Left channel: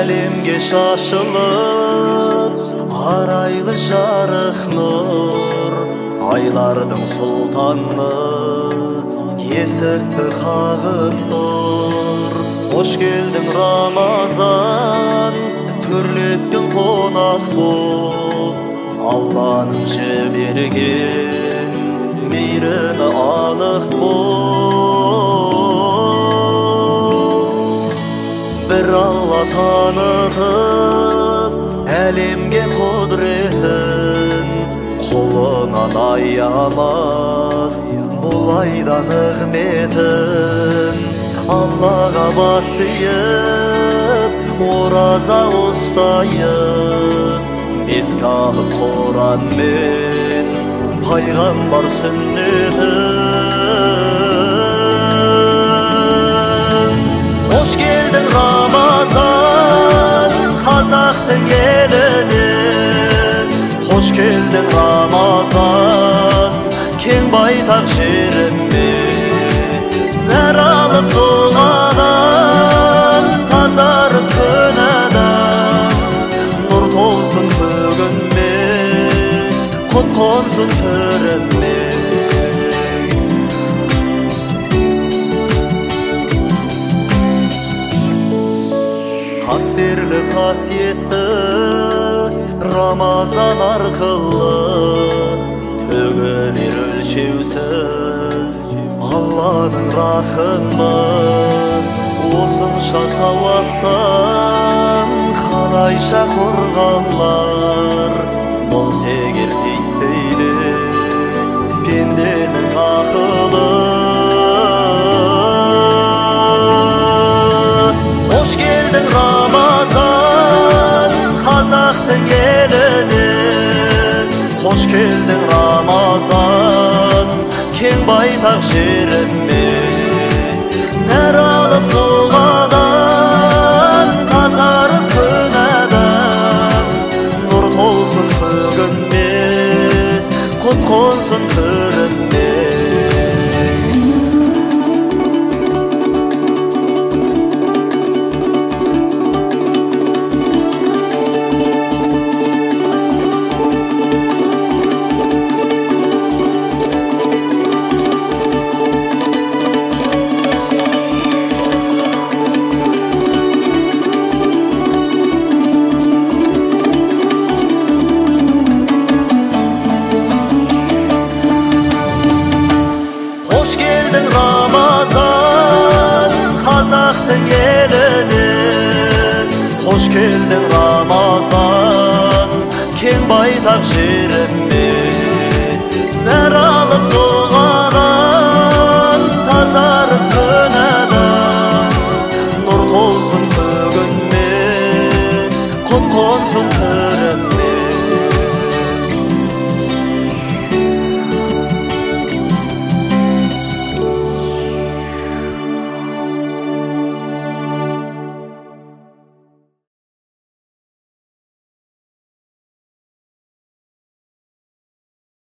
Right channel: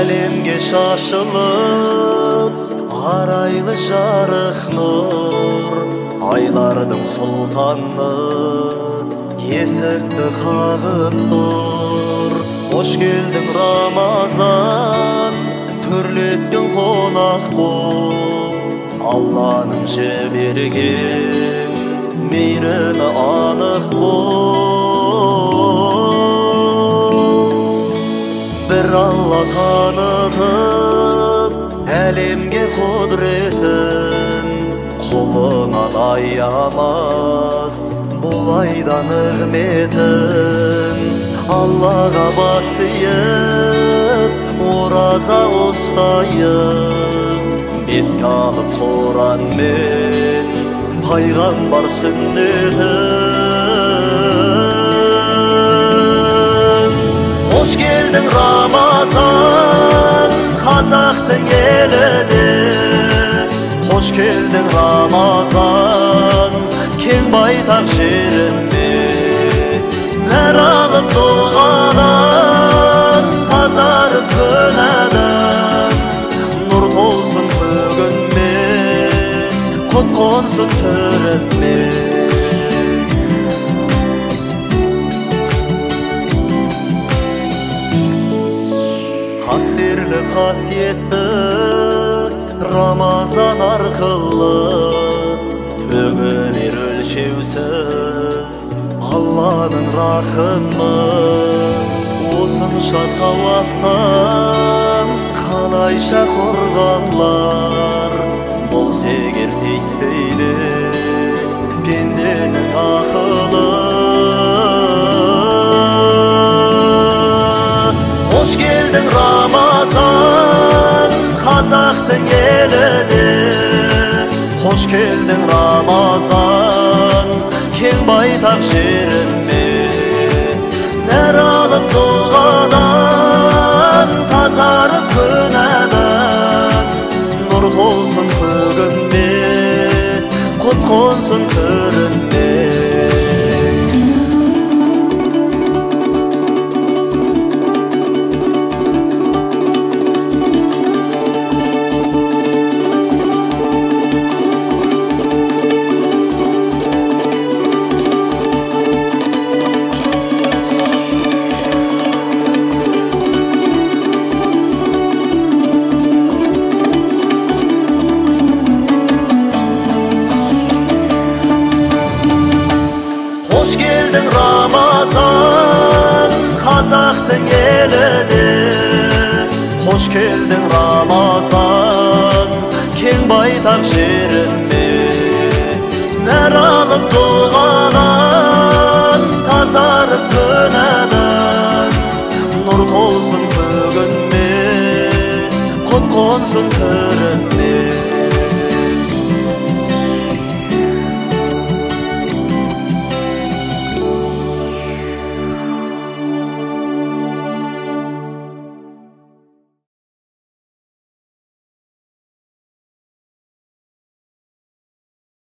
Әлемге шашылып арайлы жарық нұр, айлардың сұлтаны есікті қағып тұр. Қош келдің Рамазан, түрлеттің қонақ боп, Алланың жіберген мейірімі анық бол. Бір Алла танытып әлемге құдіретін, құлынан аямас бұл айда нығметін. Аллаға бас иіп ораза ұстайық, бетке алып Құран мен пайғамбар сүннетін. Қош келдің Рамазан, қазақтың еліне. Қош келдің Рамазан, кең байтақ жеріме. Нәр алып дұғадан, тазарып күнәдан, нұр толсын көгіме, құт қонсын түріме. Қастерлі қасиетті Рамазан арқылы төгілер өлшеусіз Алланың рахымы. Осынша сауаптан қалайша қорғалар, болса егер титтейді пенденің ақылы. Қош келдің Рамазан, қазақтың еліне. Қош келдің Рамазан, кең байтақ жеріме. Нәр алып дұғадан, тазарып күнәдан, нұр толсын көгіме, құт қонсын түріме. Қош келдің Рамазан, қазақтың еліне. Қош келдің Рамазан, кең байтақ жеріме. Нәр алып дұғадан, тазарып күнәдан, нұр толсын көгіме, құт қонсын түріме.